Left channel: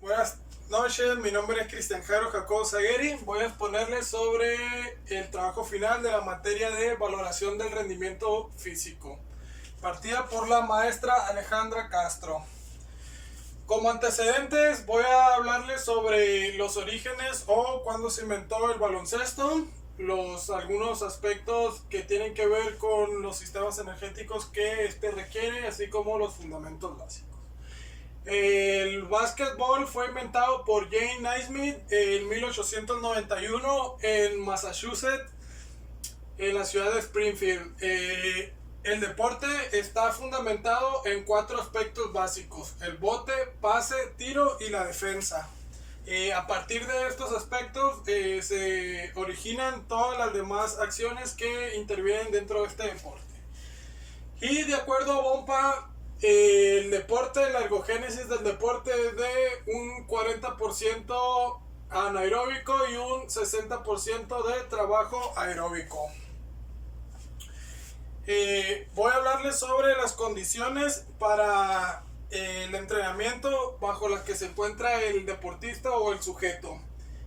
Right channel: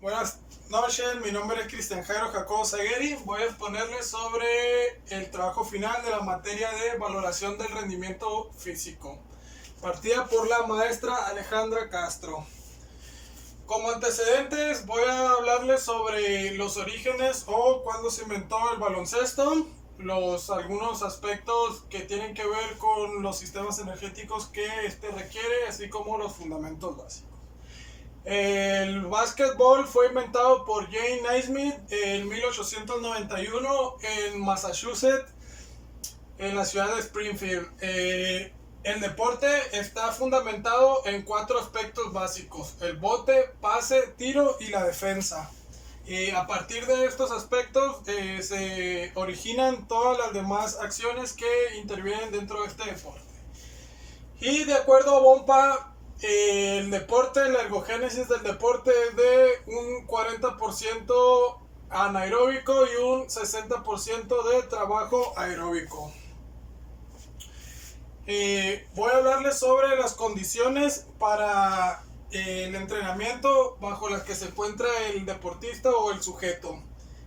Buenas noches, mi nombre es Cristian Jairo Jacobo Zagueri. Voy a exponerles sobre el trabajo final de la materia de valoración del rendimiento físico, partida por la maestra Alejandra Castro. Como antecedentes voy a hablarles sobre los orígenes o cuándo se inventó el baloncesto, algunos aspectos que tienen que ver con los sistemas energéticos que este requiere, así como los fundamentos básicos. El básquetbol fue inventado por Jane Naismith en 1891 en Massachusetts, en la ciudad de Springfield. El deporte está fundamentado en 4 aspectos básicos: el bote, pase, tiro y la defensa. A partir de estos aspectos se originan todas las demás acciones que intervienen dentro de este deporte. Y de acuerdo a Bompa, el deporte, la ergogénesis del deporte es de un 40% anaeróbico y un 60% de trabajo aeróbico. Voy a hablarles sobre las condiciones para el entrenamiento bajo las que se encuentra el deportista o el sujeto.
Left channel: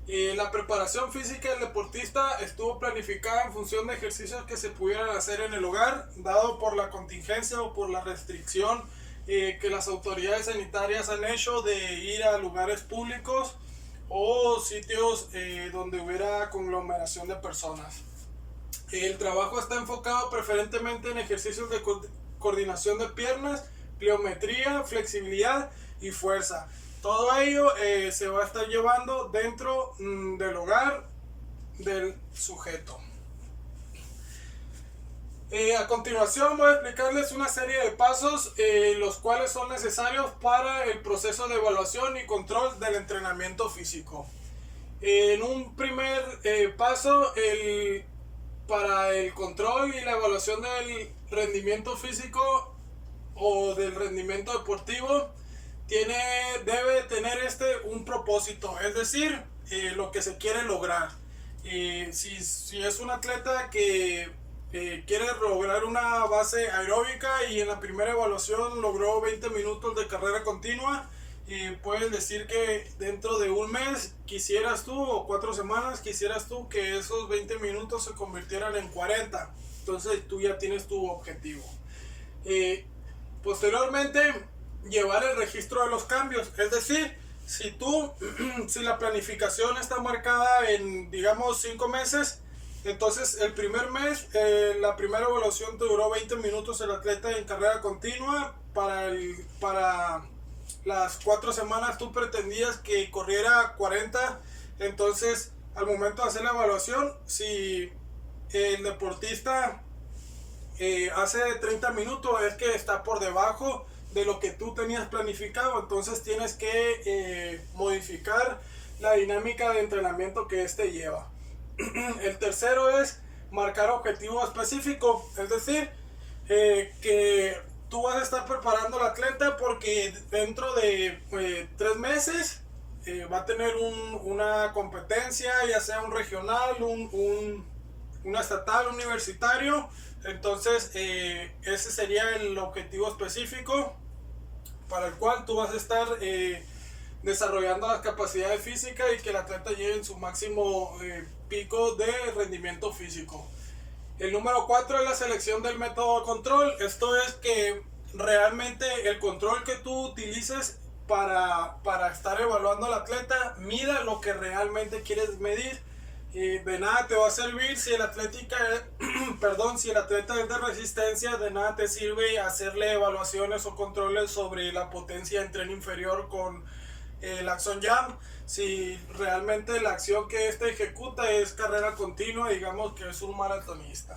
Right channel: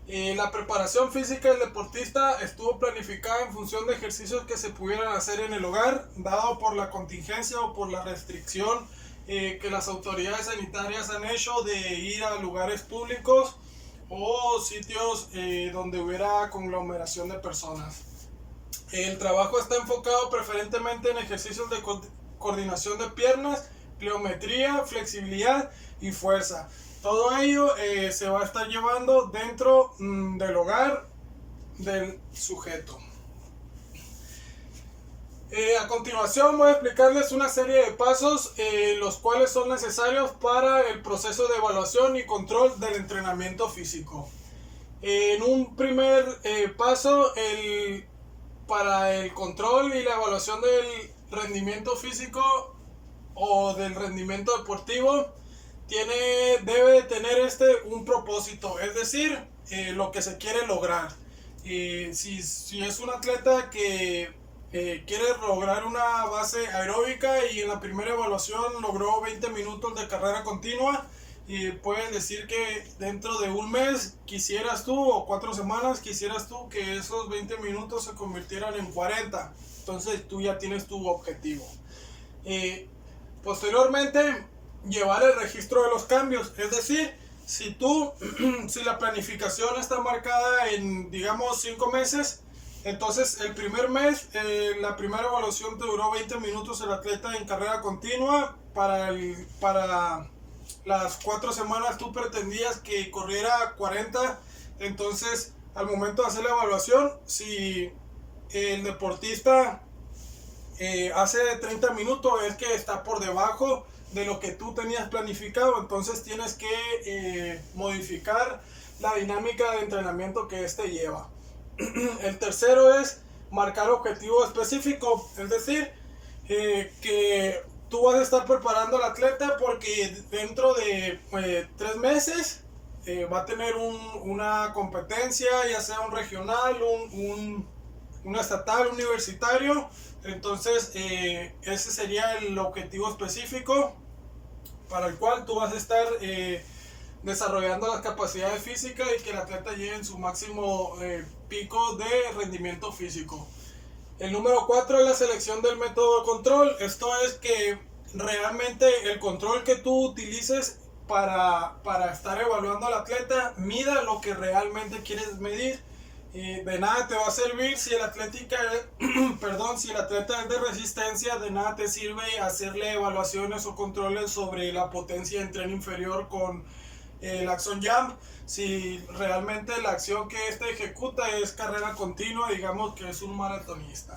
La preparación física del deportista estuvo planificada en función de ejercicios que se pudieran hacer en el hogar, dado por la contingencia o por la restricción que las autoridades sanitarias han hecho de ir a lugares públicos o sitios donde hubiera conglomeración de personas. El trabajo está enfocado preferentemente en ejercicios de coordinación de piernas, pliometría, flexibilidad y fuerza. Todo ello se va a estar llevando dentro del hogar del sujeto. A continuación voy a explicarles una serie de pasos los cuales son necesarios para el proceso de evaluación y control del entrenamiento físico. En un primer paso, para el control y la evaluación del rendimiento físico o del rendimiento deportivo, debe tener un propósito, es decir, lo que se quiere lograr. Si es un atleta que quiere lograr una base aeróbica y en la primera evaluación logró 20 minutos de carrera continua, puedes decir que dentro de un mes quisieras tú, o 4 semanas quisieras tú, que esos 20 minutos se convirtieran en 40. Entonces tú ya tienes tu objetivo. Posteriormente, llevar el registro de los cambios, es decir, si la planificación está marcada en, digamos, 5 meses, entonces el primer mes, la primera evaluación te duró 20 minutos el atleta en carrera continua. Para las 4 semanas tú pretendías que corriera 40. Entonces, al momento de hacer la evaluación, si el deportista hace 30 minutos, es que está por debajo de lo que tú tenías planificado. Entonces tienes que modificar la dinámica de entrenamiento que este lleva. El tercero es marcar objetivo específico, es decir, que tú vas a estar preparando al atleta porque dentro de 3 meses va a tener una competencia, ya sea un regional, un estatal, universitario. Entonces ese sería el objetivo específico para el cual tú vas a estar desarrollando las capacidades físicas y que el atleta llegue en su máximo pico de rendimiento físico. El número 4 es la selección del método de control. Esto es que realmente el control que tú utilices para estar evaluando al atleta mida lo que realmente quieres medir. De nada te va a servir si el atleta es de resistencia, de nada te sirve hacerle evaluaciones o controles sobre la potencia en tren inferior con el Axon Jump. Si realmente la acción que ejecuta es carrera continua, digamos que es un maratonista.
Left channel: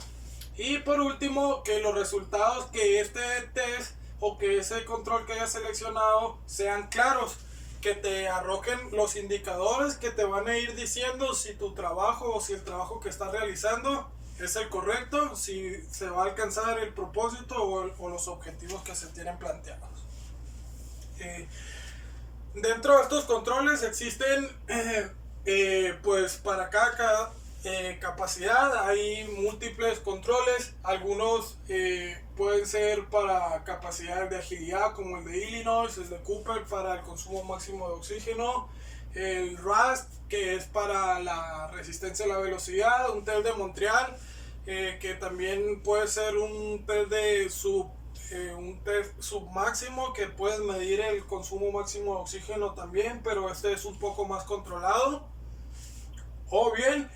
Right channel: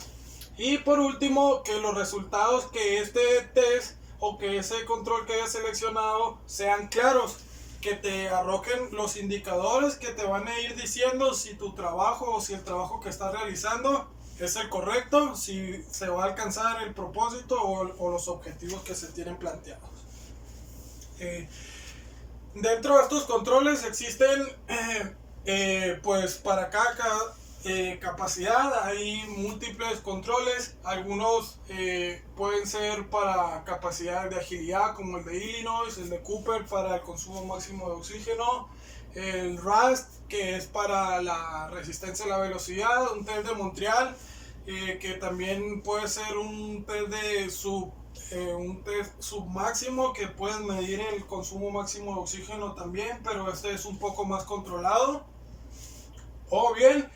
Y por último, que los resultados que este test o que ese control que hayas seleccionado sean claros, que te arrojen los indicadores que te van a ir diciendo si tu trabajo o si el trabajo que estás realizando es el correcto, si se va a alcanzar el propósito o los objetivos que se tienen planteados. Dentro de estos controles existen pues para cada capacidad, hay múltiples controles, algunos pueden ser para capacidad de agilidad como el de Illinois, el de Cooper para el consumo máximo de oxígeno, el RAST que es para la resistencia a la velocidad, un test de Montreal que también puede ser un test de un test submáximo que puedes medir el consumo máximo de oxígeno también, pero este es un poco más controlado. O bien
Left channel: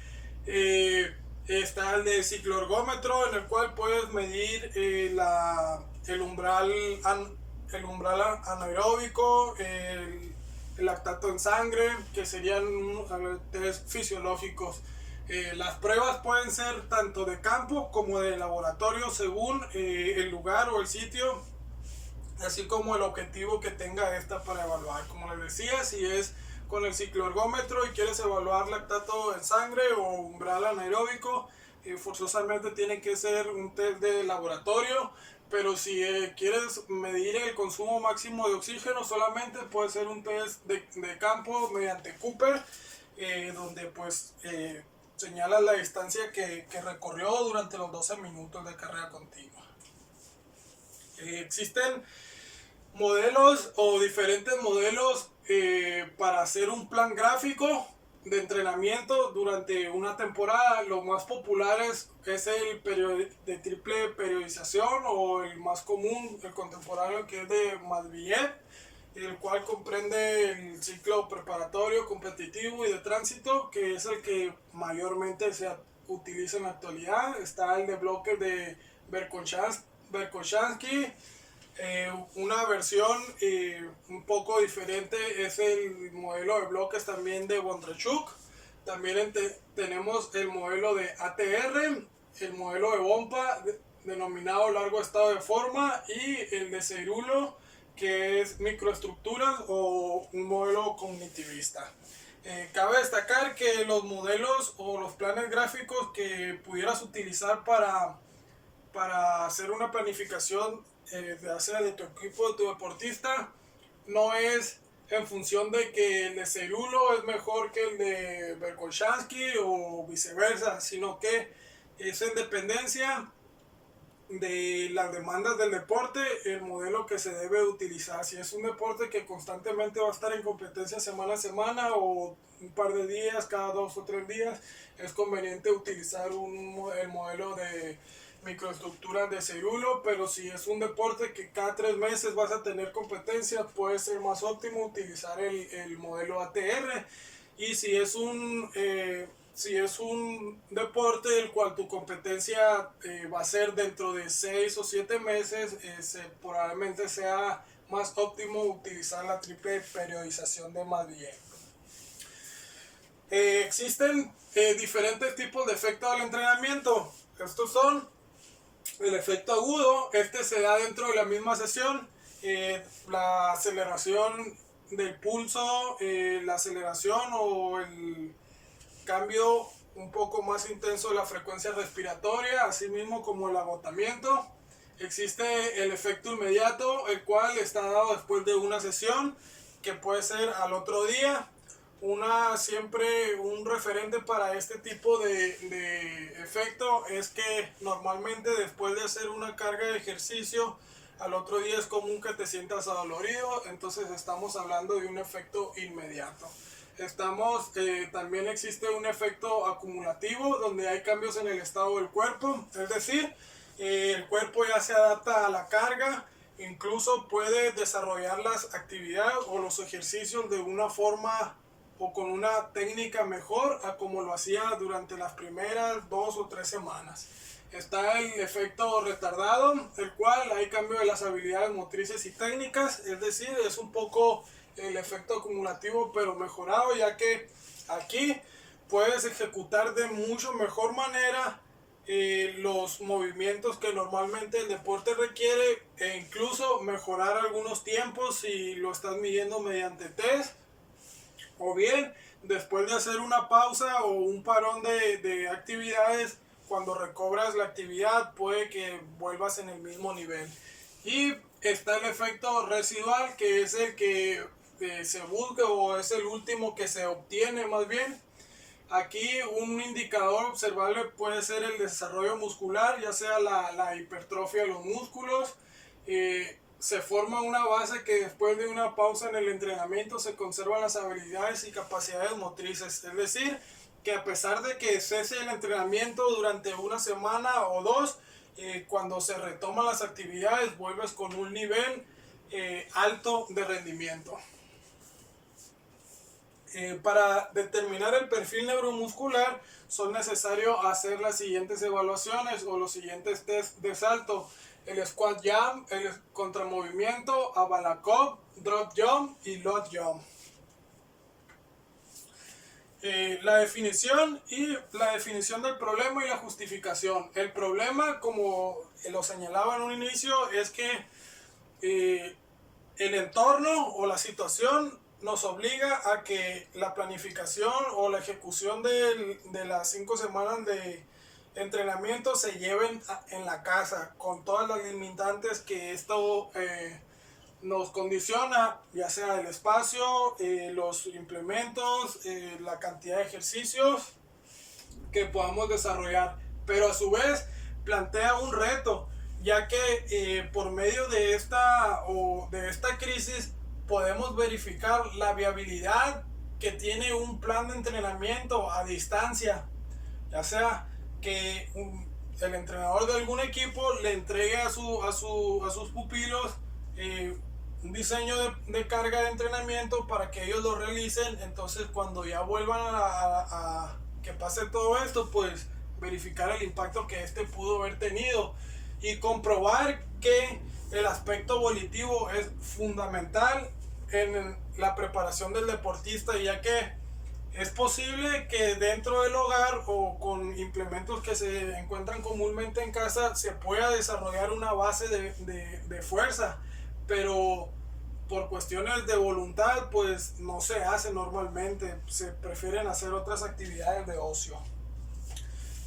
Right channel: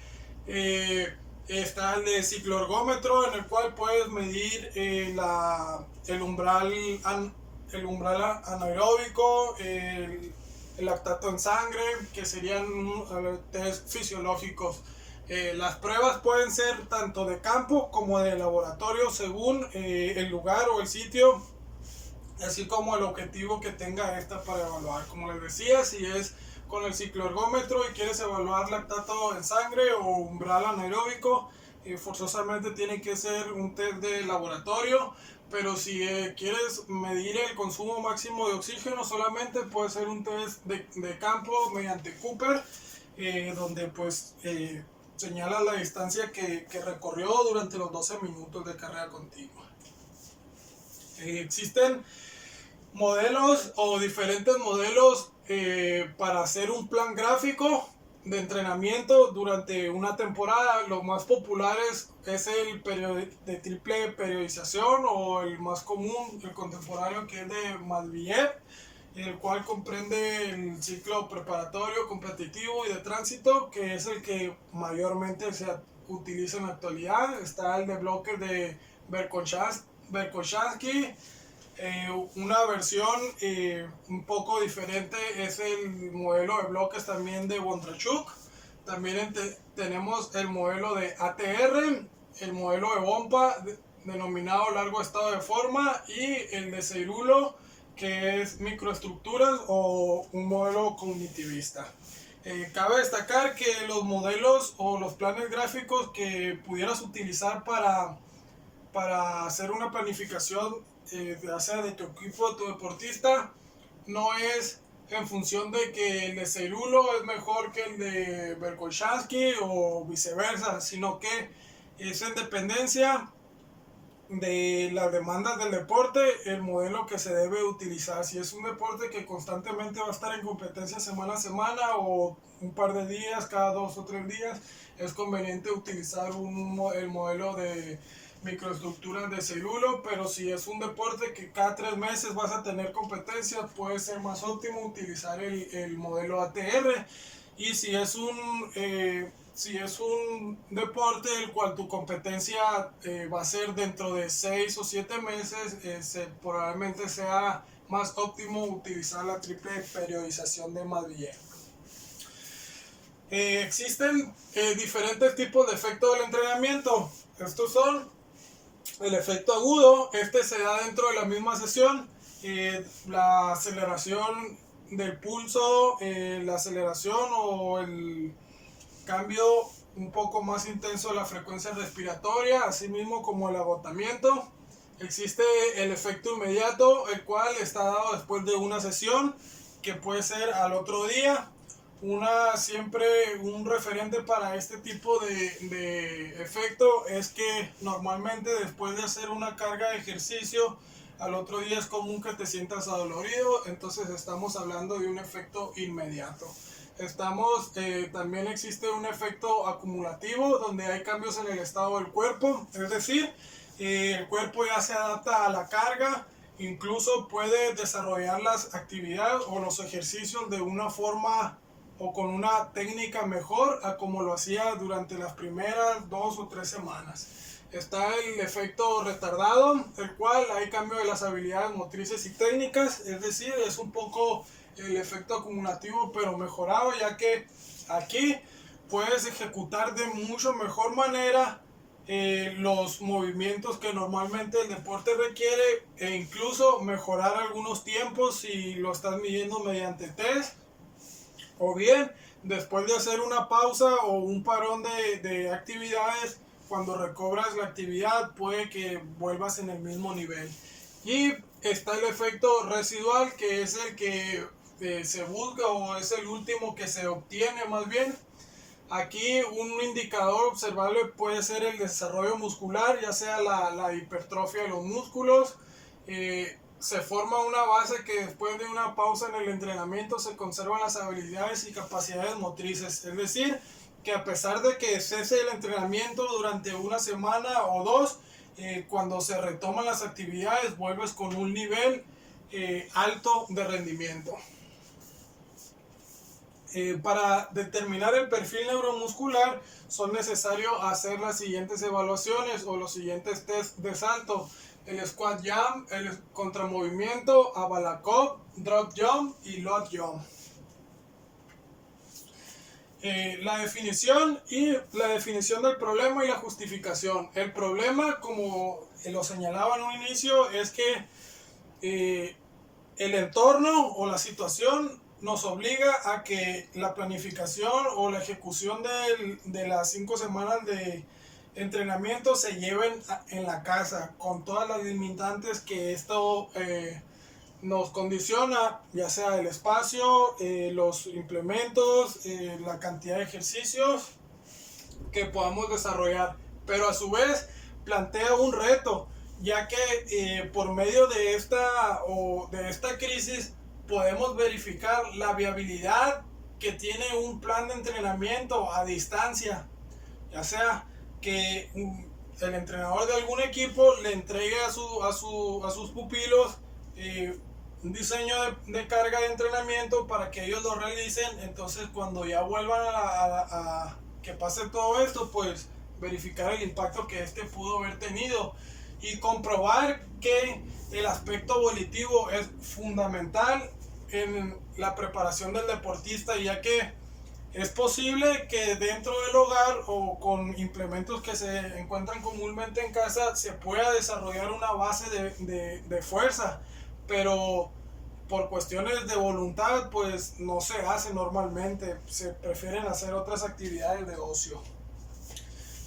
está el de cicloergómetro en el cual puedes medir el umbral anaeróbico, el lactato en sangre, que serían test fisiológicos. Las pruebas pueden ser tanto de campo como de laboratorio según el lugar o el sitio, así como el objetivo que tenga esta para evaluar. Como les decía, si es con el cicloergómetro y quieres evaluar lactato en sangre o umbral anaeróbico, forzosamente tiene que ser un test de laboratorio. Pero si quieres medir el consumo máximo de oxígeno, solamente puede ser un test de campo mediante Cooper, donde pues señala la distancia que recorrió durante los 12 minutos de carrera continua. Existen modelos o diferentes modelos para hacer un plan gráfico de entrenamiento durante una temporada. Los más populares es el de triple periodización o el más común, el contemporáneo, que es de Matveyev, el cual comprende el ciclo preparatorio, competitivo y de tránsito, que es el que mayormente se utiliza en la actualidad. Está el de bloques de Verkhoshansky. Una versión un poco diferente es el modelo de bloques también de Bondarchuk. También tenemos el modelo de ATR, el modelo de Bompa denominado largo estado de forma, y el de Cerulo, que es microestructuras o un modelo cognitivista. Cabe destacar que los modelos o los planes gráficos que pudieras utilizar para hacer una planificación de tu equipo, de tu deportista, no es en función de que el de Cerulo es mejor que el de Verkhoshansky o viceversa, sino que es en dependencia de las demandas del deporte, el modelo que se debe utilizar. Si es un deporte que constantemente va a estar en competencia semana a semana o un par de días, cada 2 o 3 días, es conveniente utilizar el modelo de microestructuras de Cerulo. Pero si es un deporte que cada 3 meses vas a tener competencia, puede ser más óptimo utilizar el modelo ATR. Y si es un deporte el cual tu competencia va a ser dentro de 6 o 7 meses, probablemente sea más óptimo utilizar la triple periodización de Matveyev. Existen diferentes tipos de efectos del entrenamiento. Estos son el efecto agudo. Este se da dentro de la misma sesión. La aceleración del pulso, la aceleración o el cambio un poco más intenso de la frecuencia respiratoria, así mismo como el agotamiento. Existe el efecto inmediato, el cual está dado después de una sesión, que puede ser al otro día. Siempre un referente para este tipo de efecto es que normalmente después de hacer una carga de ejercicio, al otro día es común que te sientas adolorido, entonces estamos hablando de un efecto inmediato. También existe un efecto acumulativo, donde hay cambios en el estado del cuerpo, es decir, el cuerpo ya se adapta a la carga, incluso puede desarrollar las actividades o los ejercicios de una forma o con una técnica mejor a como lo hacía durante las primeras 2 o 3 semanas. Está el efecto retardado, el cual hay cambio de las habilidades motrices y técnicas, es decir, es un poco el efecto acumulativo pero mejorado, ya que aquí puedes ejecutar de mucho mejor manera los movimientos que normalmente el deporte requiere, e incluso mejorar algunos tiempos si lo estás midiendo mediante test, o bien después de hacer una pausa o un parón de actividades, cuando recobras la actividad puede que vuelvas en el mismo nivel. Y está el efecto residual, que es el que se busca o es el último que se obtiene más bien, Aquí un indicador observable puede ser el desarrollo muscular, ya sea la hipertrofia de los músculos. Se forma una base que después de una pausa en el entrenamiento se conservan las habilidades y capacidades motrices. Es decir, que a pesar de que cese el entrenamiento durante una semana o dos, cuando se retoman las actividades vuelves con un nivel alto de rendimiento. Para determinar el perfil neuromuscular son necesarios hacer las siguientes evaluaciones o los siguientes test de salto: el squat jump, el contramovimiento, Abalakov, drop jump y load jump. La definición del problema y la justificación. El problema, como lo señalaba en un inicio, es que el entorno o la situación nos obliga a que la planificación o la ejecución de las 5 semanas de entrenamiento se lleven en la casa, con todas las limitantes que esto nos condiciona, ya sea el espacio, los implementos, la cantidad de ejercicios que podamos desarrollar. Pero a su vez plantea un reto, ya que por medio de esta crisis podemos verificar la viabilidad que tiene un plan de entrenamiento a distancia, ya sea que el entrenador de algún equipo le entregue a sus pupilos un diseño de carga de entrenamiento para que ellos lo realicen. Entonces, cuando ya vuelvan a que pase todo esto, pues verificar el impacto que pudo haber tenido y comprobar que el aspecto volitivo es fundamental en la preparación del deportista, ya que es posible que dentro del hogar o con implementos que se encuentran comúnmente en casa se pueda desarrollar una base de fuerza, pero por cuestiones de voluntad pues no se hace normalmente, se prefieren hacer otras actividades de ocio.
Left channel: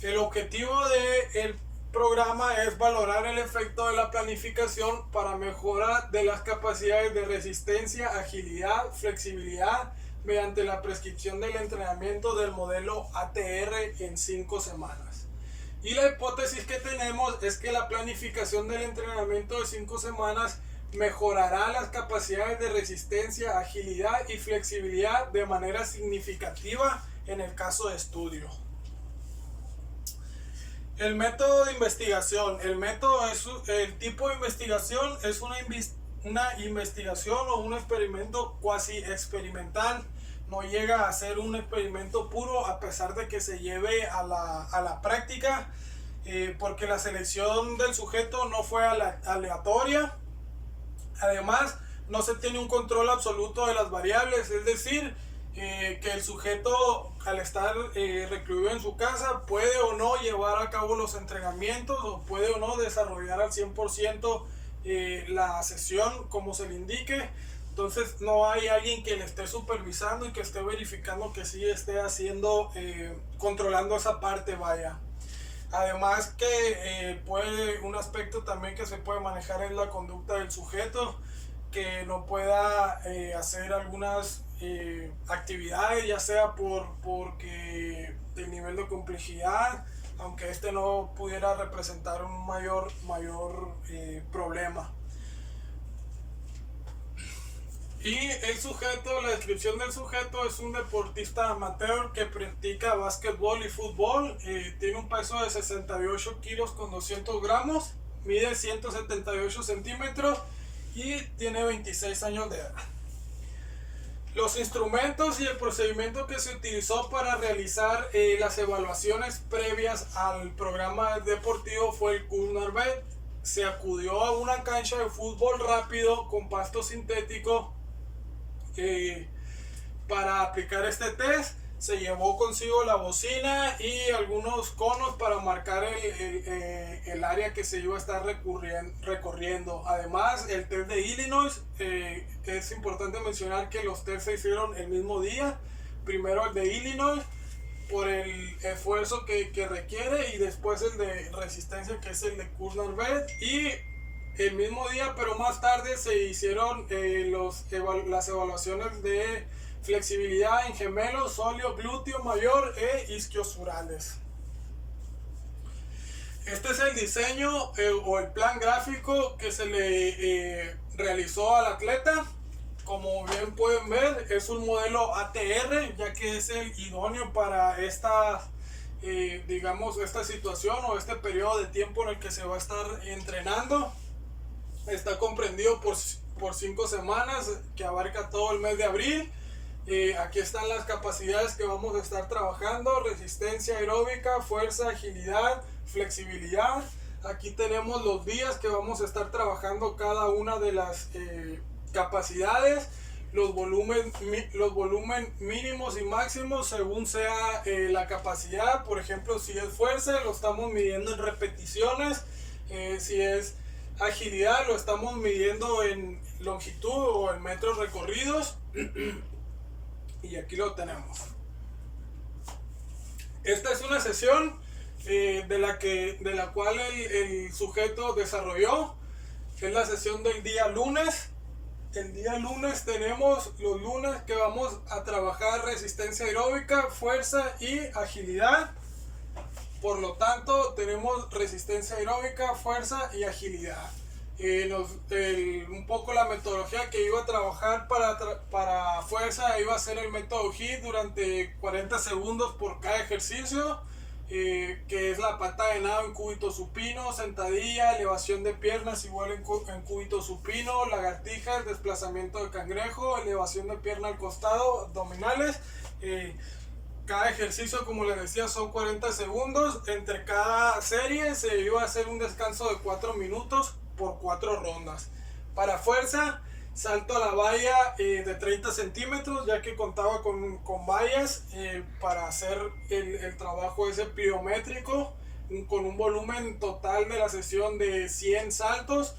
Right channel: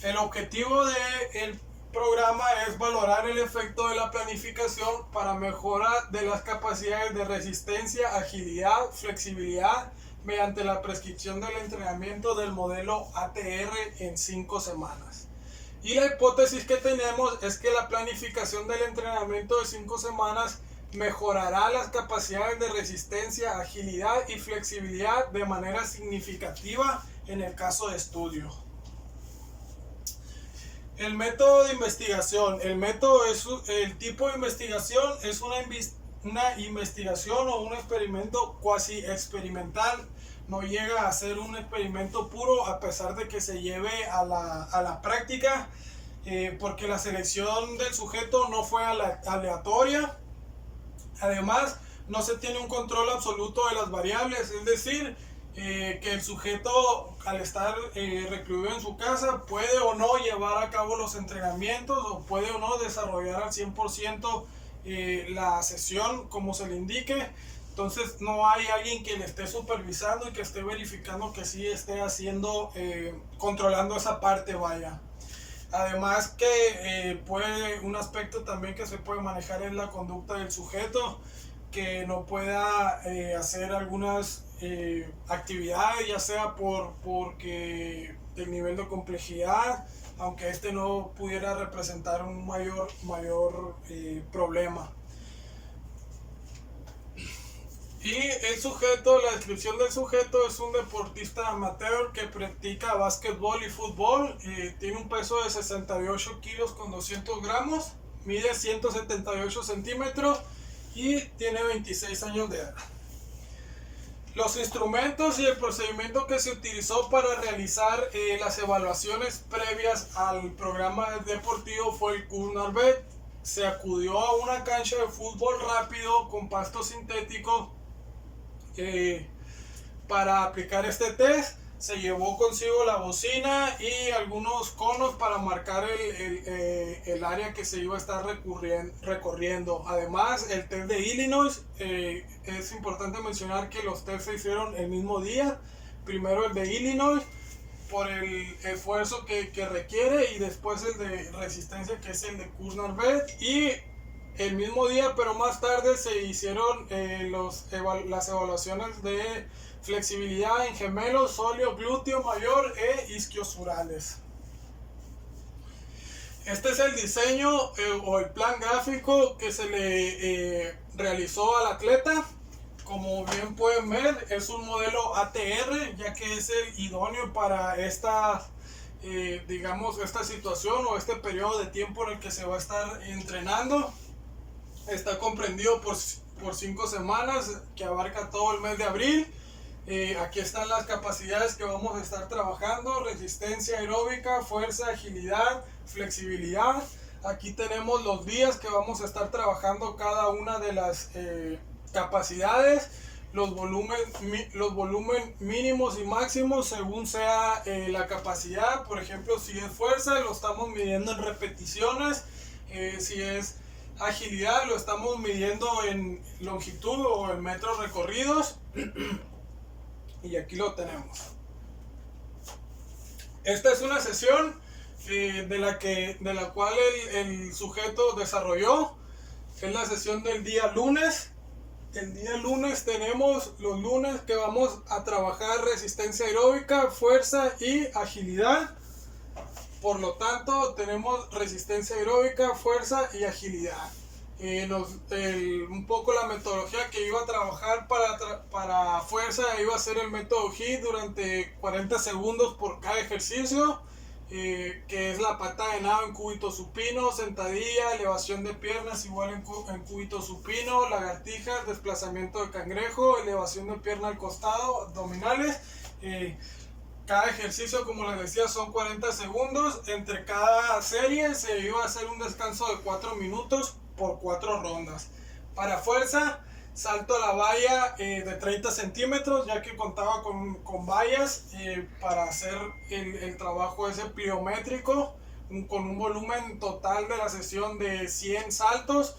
El objetivo del programa es valorar el efecto de la planificación para mejora de las capacidades de resistencia, agilidad, flexibilidad mediante la prescripción del entrenamiento del modelo ATR en 5 semanas. Y la hipótesis que tenemos es que la planificación del entrenamiento de 5 semanas mejorará las capacidades de resistencia, agilidad y flexibilidad de manera significativa en el caso de estudio. El método de investigación. El tipo de investigación es una investigación o un experimento cuasi experimental. No llega a ser un experimento puro, a pesar de que se lleve a la práctica, porque la selección del sujeto no fue aleatoria. Además, no se tiene un control absoluto de las variables, es decir, que el sujeto, al estar recluido en su casa, puede o no llevar a cabo los entrenamientos o puede o no desarrollar al 100% la sesión como se le indique. Entonces no hay alguien que le esté supervisando y que esté verificando que sí esté haciendo, controlando esa parte, vaya. Además que un aspecto también que se puede manejar es la conducta del sujeto, que no pueda hacer algunas actividades, ya sea porque el nivel de complejidad, aunque no pudiera representar un mayor problema. Y la descripción del sujeto es un deportista amateur que practica básquetbol y fútbol. Tiene un peso de 68 kilos con 200 gramos, mide 178 centímetros y tiene 26 años de edad. Los instrumentos y el procedimiento que se utilizó para realizar las evaluaciones previas al programa deportivo fue el Kurzarbeit. Se acudió a una cancha de fútbol rápido con pasto sintético para aplicar este test. Se llevó consigo la bocina y algunos conos para marcar el área que se iba a estar recorriendo. Además, el test de Illinois, es importante mencionar que los tests se hicieron el mismo día. Primero el de Illinois por el esfuerzo que requiere, y después el de resistencia, que es el de Kurzarbeit. Y el mismo día, pero más tarde se hicieron las evaluaciones de flexibilidad en gemelos, sóleo, glúteo mayor e isquiosurales. Este es el diseño o el plan gráfico que se le realizó al atleta. Como bien pueden ver, es un modelo ATR, ya que es el idóneo para digamos, esta situación o este periodo de tiempo en el que se va a estar entrenando. Está comprendido por 5 semanas, que abarca todo el mes de abril. Aquí están las capacidades que vamos a estar trabajando: resistencia aeróbica, fuerza, agilidad, flexibilidad. Aquí tenemos los días que vamos a estar trabajando cada una de las capacidades, los volumen mínimos y máximos según sea la capacidad. Por ejemplo, si es fuerza, lo estamos midiendo en repeticiones. Si es agilidad, lo estamos midiendo en longitud o en metros recorridos. Y aquí lo tenemos. Esta es una sesión de la cual el sujeto desarrolló. Es la sesión del día lunes. El día lunes tenemos los lunes que vamos a trabajar resistencia aeróbica, fuerza y agilidad. Por lo tanto, tenemos resistencia aeróbica, fuerza y agilidad. Un poco la metodología que iba a trabajar para fuerza iba a ser el método HIIT durante 40 segundos por cada ejercicio, que es la pata de nado en cúbito supino, sentadilla, elevación de piernas igual en cúbito supino, lagartijas, desplazamiento de cangrejo, elevación de pierna al costado, abdominales. Cada ejercicio, como les decía, son 40 segundos. Entre cada serie se iba a hacer un descanso de 4 minutos por 4 rondas. Para fuerza, salto a la valla de 30 centímetros, ya que contaba con vallas para hacer el trabajo ese pliométrico, con un volumen total de la sesión de 100 saltos,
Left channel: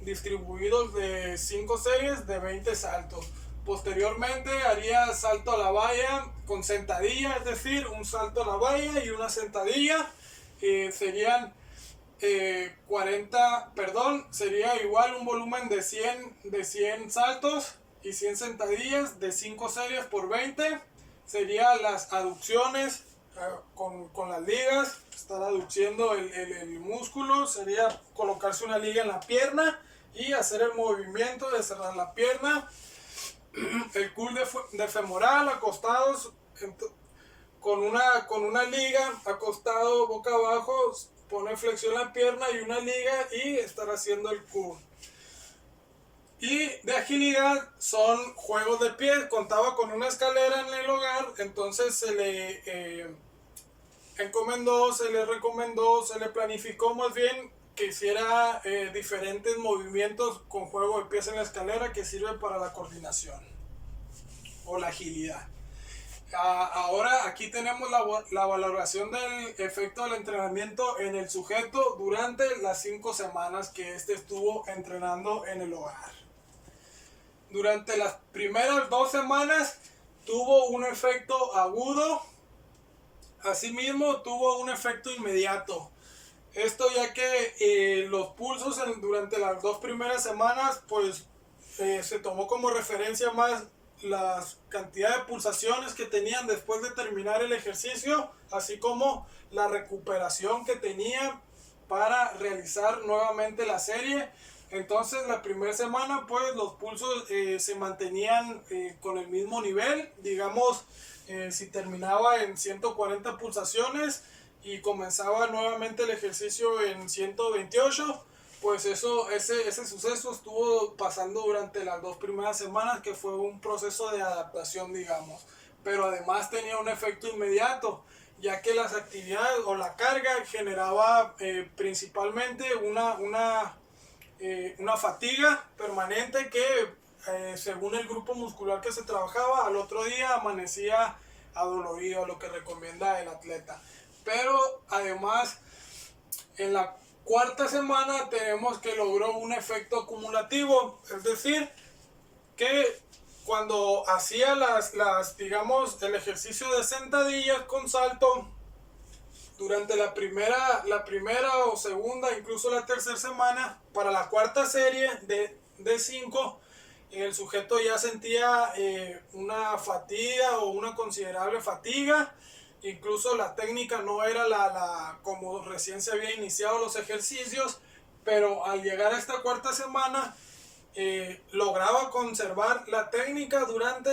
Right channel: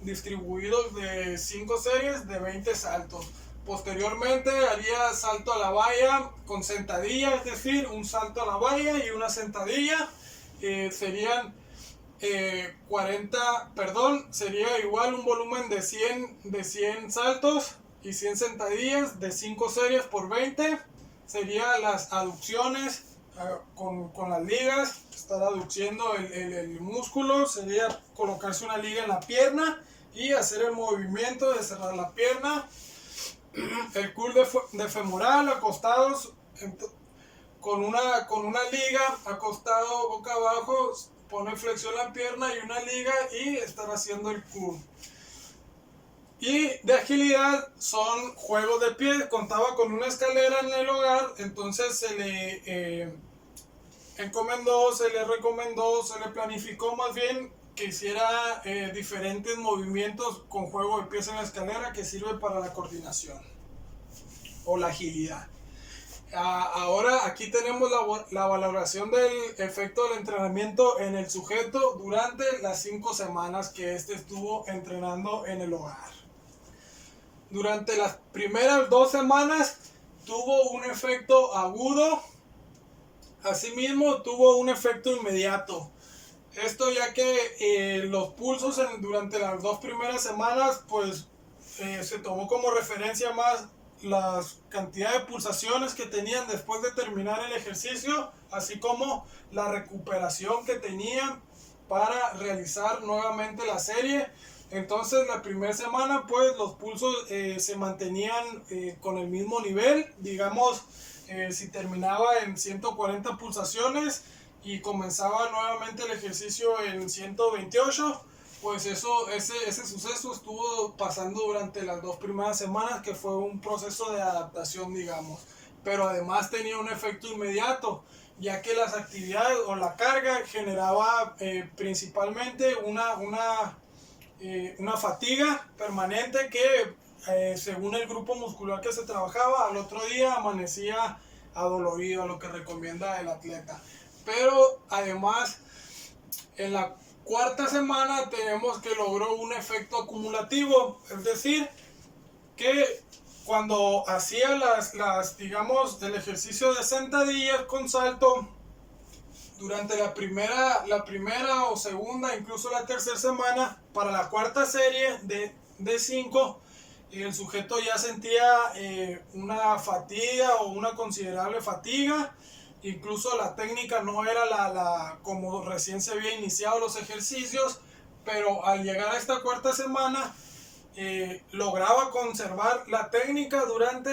distribuidos de 5 series de 20 saltos. Posteriormente haría salto a la valla con sentadilla, es decir, un salto a la valla y una sentadilla. Serían 40, sería igual un volumen de 100 saltos y 100 sentadillas de 5 series por 20. Serían las aducciones con las ligas, estar aduciendo el músculo. Sería colocarse una liga en la pierna y hacer el movimiento de cerrar la pierna. El curl de femoral, acostados con una liga, acostado boca abajo, pone flexión la pierna y una liga y estar haciendo el curl. Y de agilidad son juegos de pie. Contaba con una escalera en el hogar, entonces se le encomendó, se le recomendó, se le planificó más bien que hiciera diferentes movimientos con juego de pies en la escalera, que sirve para la coordinación o la agilidad. Ahora aquí tenemos la valoración del efecto del entrenamiento en el sujeto durante las 5 semanas que estuvo entrenando en el hogar. Durante las primeras 2 semanas tuvo un efecto agudo. Asimismo tuvo un efecto inmediato. Esto ya que los pulsos durante las 2 primeras semanas pues se tomó como referencia más la cantidad de pulsaciones que tenían después de terminar el ejercicio, así como la recuperación que tenían para realizar nuevamente la serie. Entonces la primera semana pues los pulsos se mantenían con el mismo nivel. Digamos, si terminaba en 140 pulsaciones y comenzaba nuevamente el ejercicio en 128, pues ese suceso estuvo pasando durante las 2 primeras semanas, que fue un proceso de adaptación, digamos. Pero además tenía un efecto inmediato, ya que las actividades o la carga generaba principalmente una fatiga permanente que según el grupo muscular que se trabajaba, al otro día amanecía adolorido, a lo que recomienda el atleta. Pero además en la 4ª semana tenemos que logró un efecto acumulativo, es decir, que cuando hacía digamos, el ejercicio de sentadillas con salto, durante la primera o segunda, incluso la tercera semana, para la cuarta serie de 5, el sujeto ya sentía una fatiga o una considerable fatiga. Incluso la técnica no era como recién se había iniciado los ejercicios, pero al llegar a esta cuarta semana lograba conservar la técnica durante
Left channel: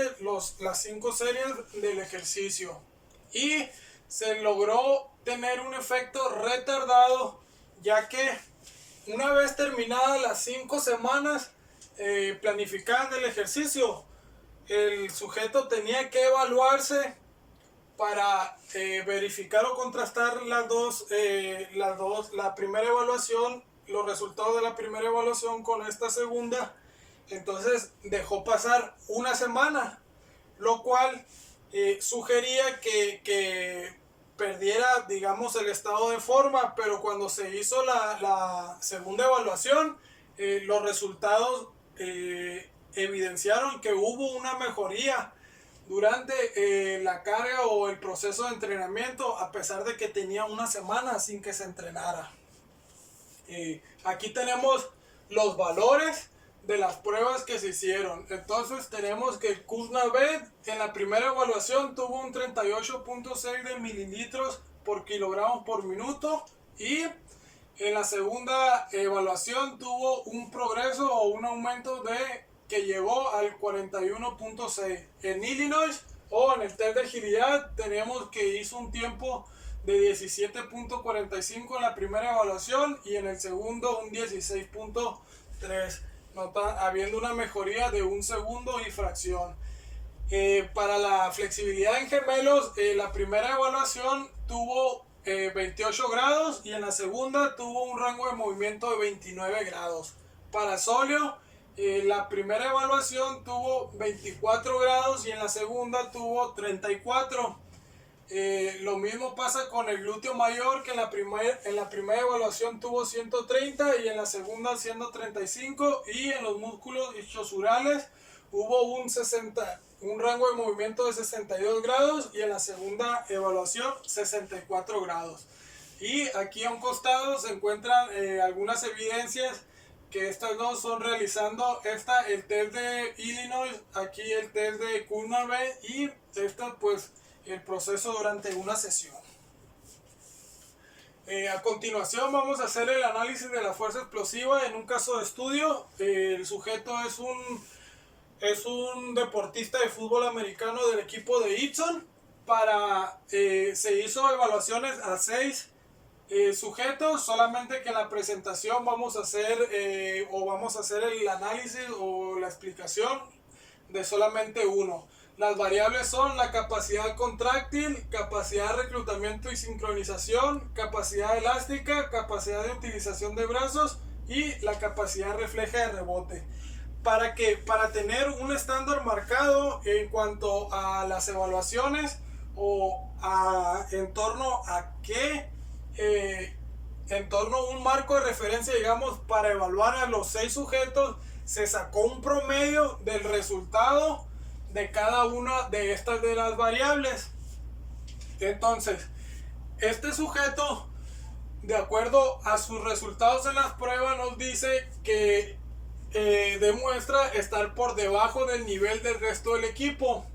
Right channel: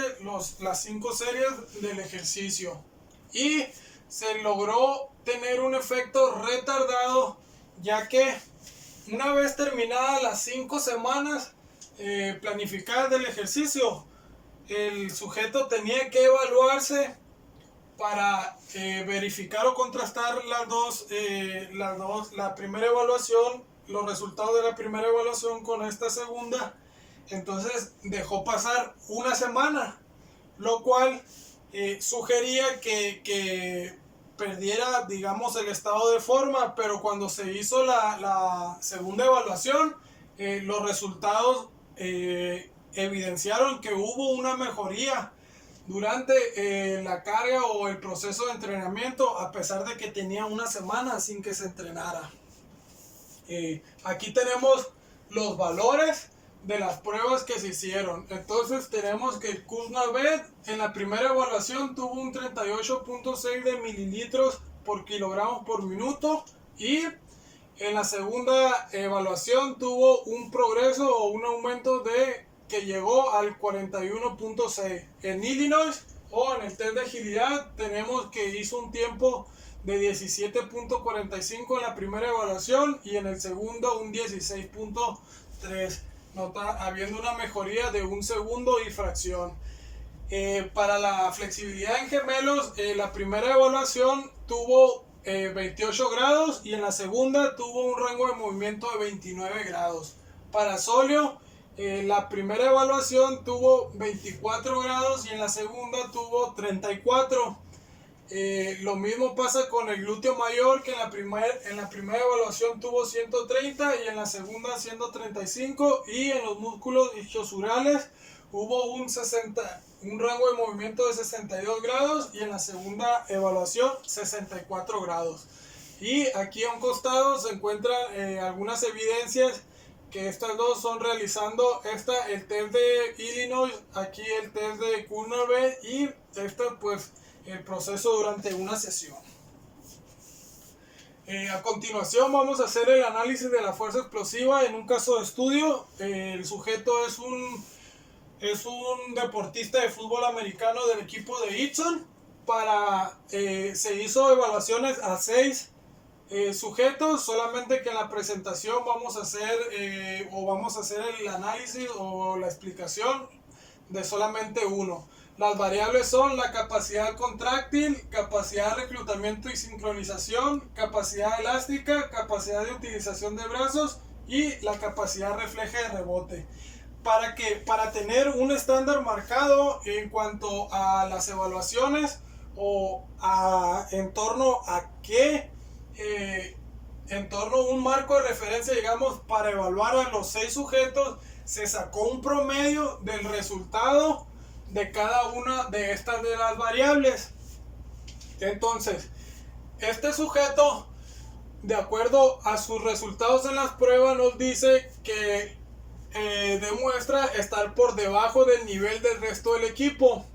las 5 series del ejercicio y se logró tener un efecto retardado, ya que una vez terminadas las 5 semanas planificadas del ejercicio, el sujeto tenía que evaluarse para verificar o contrastar la primera evaluación, los resultados de la primera evaluación con esta segunda. Entonces dejó pasar una semana, lo cual sugería que perdiera, digamos, el estado de forma, pero cuando se hizo la segunda evaluación, los resultados evidenciaron que hubo una mejoría durante la carga o el proceso de entrenamiento, a pesar de que tenía una semana sin que se entrenara. Aquí tenemos los valores de las pruebas que se hicieron. Entonces tenemos que el Kuznaved en la primera evaluación tuvo un 38.6 de mililitros por kilogramo por minuto, y en la segunda evaluación tuvo un progreso o un aumento que llegó al 41.6. En Illinois o en el test de agilidad tenemos que hizo un tiempo de 17.45 en la primera evaluación y en el segundo un 16.3, habiendo una mejoría de 1 segundo y fracción. Para la flexibilidad en gemelos, la primera evaluación tuvo 28 grados y en la segunda tuvo un rango de movimiento de 29 grados. Para sóleo, la primera evaluación tuvo 24 grados y en la segunda tuvo 34. Lo mismo pasa con el glúteo mayor, que en la primera evaluación tuvo 130 y en la segunda 135, y en los músculos isquiosurales hubo un rango de movimiento de 62 grados y en la segunda evaluación 64 grados. Y aquí a un costado se encuentran algunas evidencias que estas dos son realizando el test de Illinois, aquí el test de Kuznaved, y esto pues el proceso durante una sesión. A continuación vamos a hacer el análisis de la fuerza explosiva en un caso de estudio. El sujeto es un deportista de fútbol americano del equipo de Eaton. Se hizo evaluaciones a 6 sujetos, solamente que en la presentación vamos a hacer el análisis o la explicación de solamente uno. Las variables son la capacidad contráctil, capacidad de reclutamiento y sincronización, capacidad elástica, capacidad de utilización de brazos y la capacidad refleja de rebote. Para tener un estándar marcado en cuanto a las evaluaciones o en torno a un marco de referencia, digamos, para evaluar a los 6 sujetos, se sacó un promedio del resultado de cada una de estas de las variables. Entonces, este sujeto, de acuerdo a sus resultados en las pruebas, nos dice que demuestra estar por debajo del nivel del resto del equipo,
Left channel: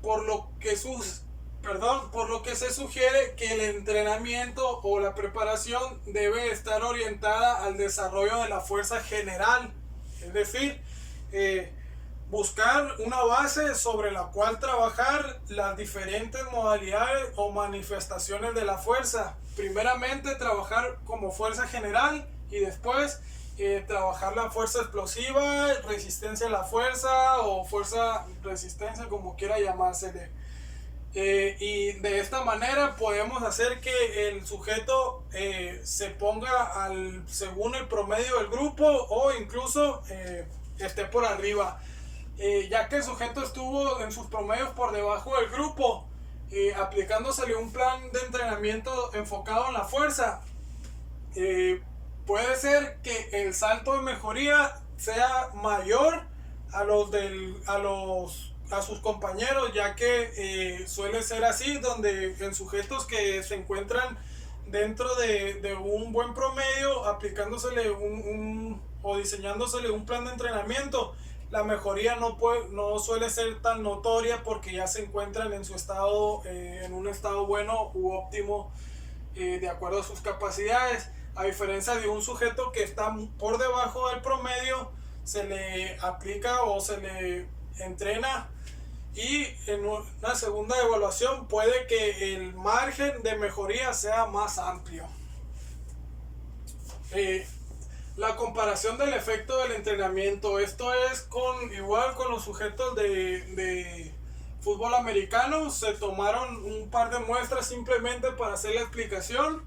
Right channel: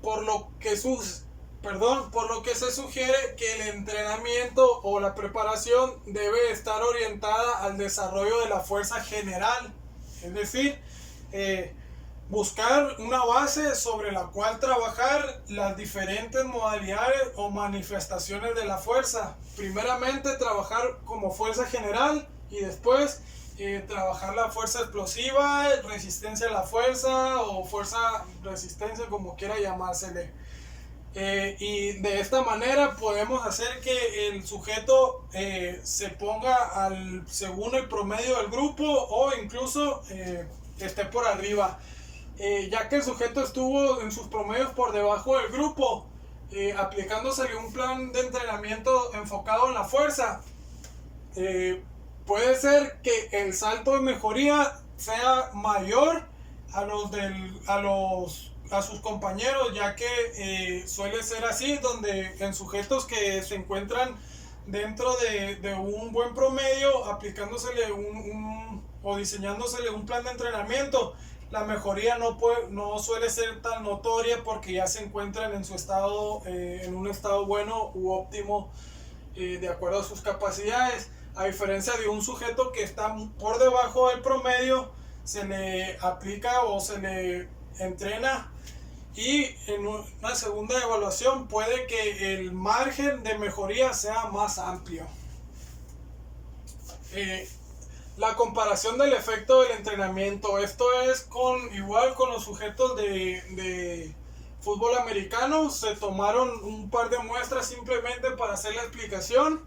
por lo que se sugiere que el entrenamiento o la preparación debe estar orientada al desarrollo de la fuerza general, es decir, buscar una base sobre la cual trabajar las diferentes modalidades o manifestaciones de la fuerza. Primeramente trabajar como fuerza general y después trabajar la fuerza explosiva, resistencia a la fuerza o fuerza resistencia, como quiera llamársele. Y de esta manera podemos hacer que el sujeto se ponga según el promedio del grupo o incluso esté por arriba. Ya que el sujeto estuvo en sus promedios por debajo del grupo, aplicándosele un plan de entrenamiento enfocado en la fuerza, puede ser que el salto de mejoría sea mayor a los a sus compañeros, ya que suele ser así, donde en sujetos que se encuentran dentro de un buen promedio, aplicándosele o diseñándosele un plan de entrenamiento, la mejoría no suele ser tan notoria porque ya se encuentran en su estado, en un estado bueno u óptimo, de acuerdo a sus capacidades. A diferencia de un sujeto que está por debajo del promedio, se le aplica o se le entrena, y en una segunda evaluación puede que el margen de mejoría sea más amplio. La comparación del efecto del entrenamiento, esto es igual con los sujetos de fútbol americano. Se tomaron un par de muestras simplemente para hacer la explicación.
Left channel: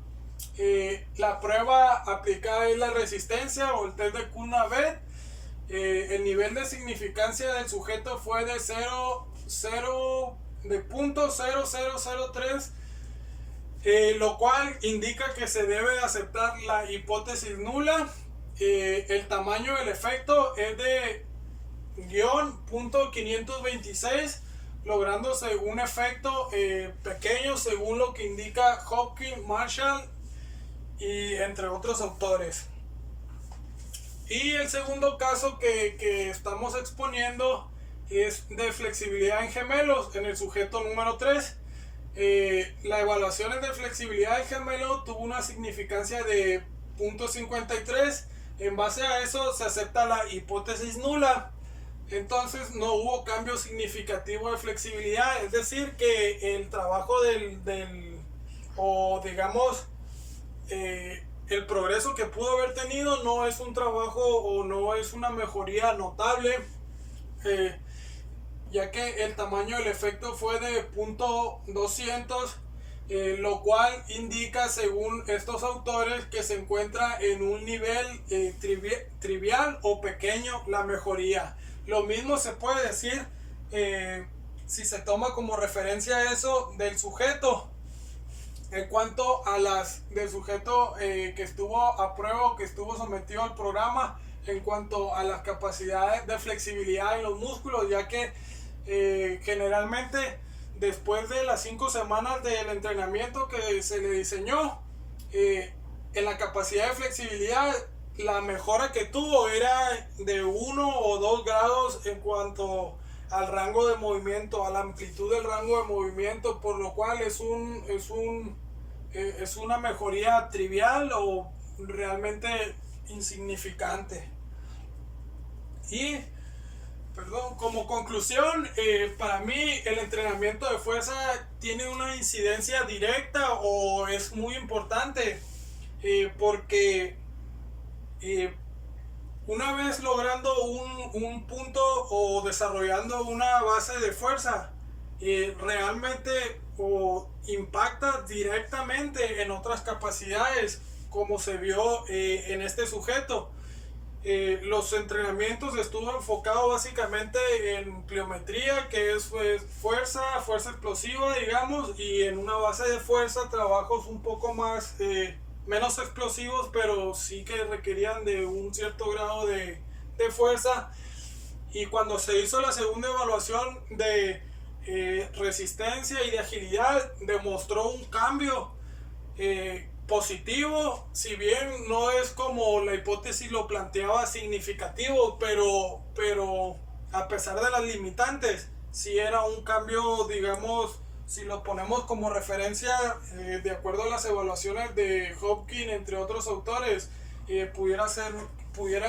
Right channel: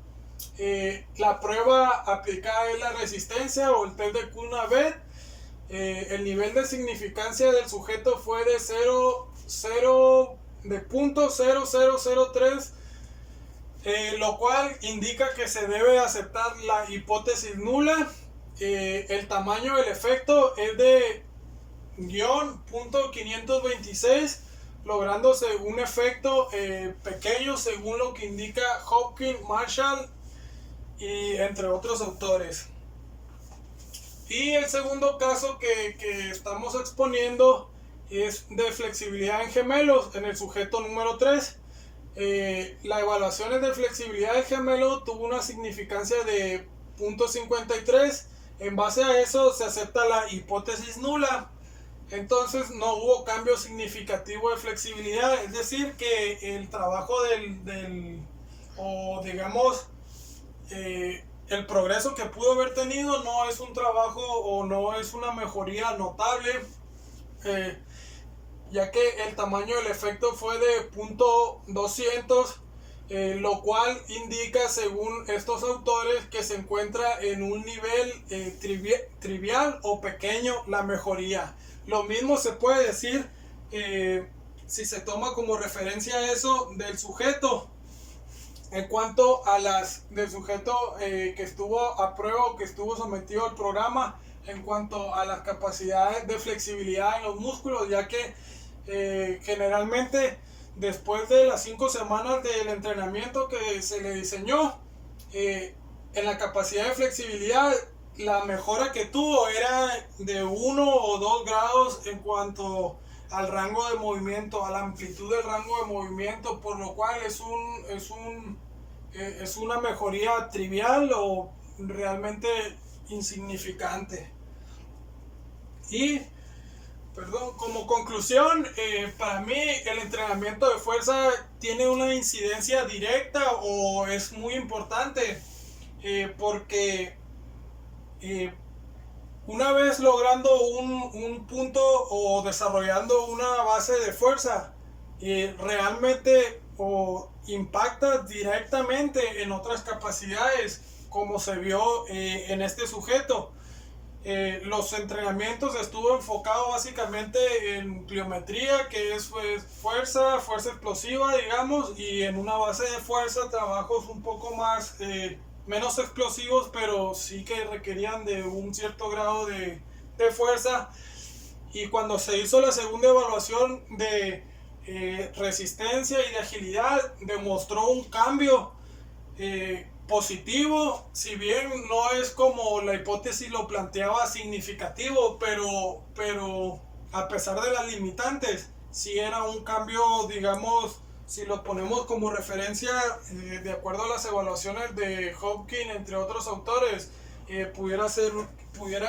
La prueba aplicada es la resistencia o el test de Kuhn-Nagel. El nivel de significancia del sujeto fue de 0.0003, lo cual indica que se debe aceptar la hipótesis nula. El tamaño del efecto es de -0.526, lográndose un efecto pequeño según lo que indica Hopkins, Marshall y entre otros autores. Y el segundo caso que estamos exponiendo es de flexibilidad en gemelos en el sujeto número 3. La evaluación de flexibilidad de gemelo tuvo una significancia de 0.53. En base a eso se acepta la hipótesis nula. Entonces no hubo cambio significativo de flexibilidad, es decir que el trabajo o digamos el progreso que pudo haber tenido no es un trabajo o no es una mejoría notable, ya que el tamaño del efecto fue de 0.200, lo cual indica, según estos autores, que se encuentra en un nivel trivial o pequeño la mejoría. Lo mismo se puede decir si se toma como referencia eso del sujeto. En cuanto a del sujeto que estuvo a prueba o que estuvo sometido al programa, en cuanto a las capacidades de flexibilidad en los músculos, ya que generalmente después de las 5 semanas del entrenamiento que se le diseñó, en la capacidad de flexibilidad, la mejora que tuvo era de 1 o 2 grados en cuanto al rango de movimiento, a la amplitud del rango de movimiento, por lo cual es una mejoría trivial o realmente insignificante. Y como conclusión, para mí el entrenamiento de fuerza tiene una incidencia directa o es muy importante, porque una vez logrando un punto o desarrollando una base de fuerza, realmente impacta directamente en otras capacidades, como se vio en este sujeto. Los entrenamientos estuvo enfocado básicamente en pliometría, que es fuerza explosiva, digamos, y en una base de fuerza trabajos un poco más menos explosivos, pero sí que requerían de un cierto grado de fuerza. Y cuando se hizo la segunda evaluación de resistencia y de agilidad, demostró un cambio positivo, si bien no es como la hipótesis lo planteaba significativo, pero a pesar de las limitantes, sí era un cambio, digamos, si lo ponemos como referencia, de acuerdo a las evaluaciones de Hopkins, entre otros autores, pudiera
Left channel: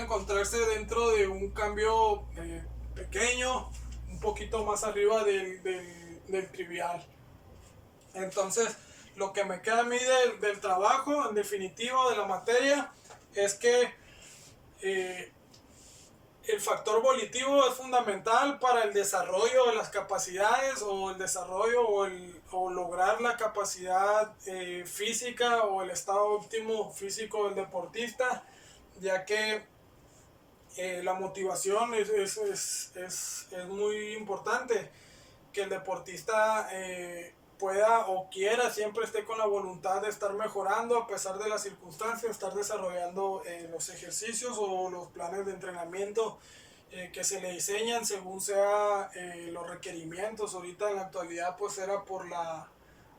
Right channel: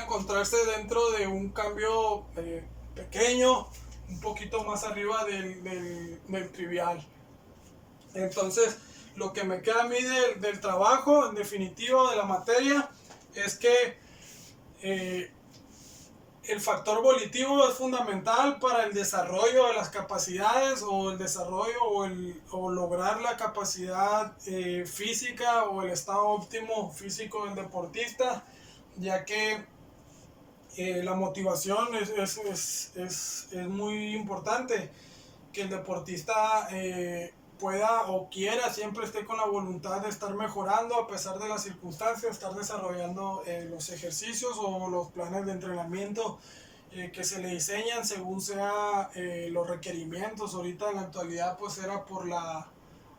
encontrarse dentro de un cambio pequeño, un poquito más arriba del trivial. Entonces, lo que me queda a mí del trabajo, en definitiva, de la materia, es que el factor volitivo es fundamental para el desarrollo de las capacidades o el desarrollo o lograr la capacidad física o el estado óptimo físico del deportista, ya que la motivación es muy importante, que el deportista pueda o quiera, siempre esté con la voluntad de estar mejorando a pesar de las circunstancias, estar desarrollando los ejercicios o los planes de entrenamiento que se le diseñan según sea los requerimientos. Ahorita en la actualidad pues era por la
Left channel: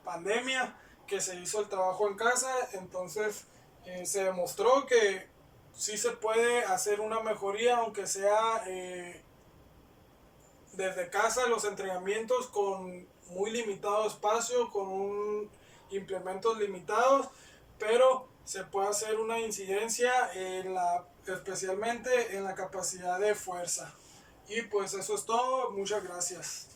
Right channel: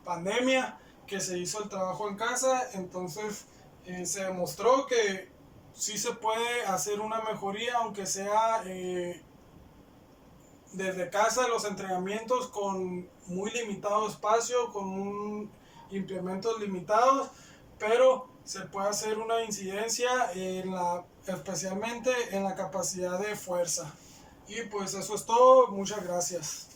pandemia que se hizo el trabajo en casa, entonces se demostró que sí se puede hacer una mejoría, aunque sea desde casa, los entrenamientos con muy limitado espacio, con implementos limitados, pero se puede hacer una incidencia especialmente en la capacidad de fuerza. Y pues eso es todo, muchas gracias.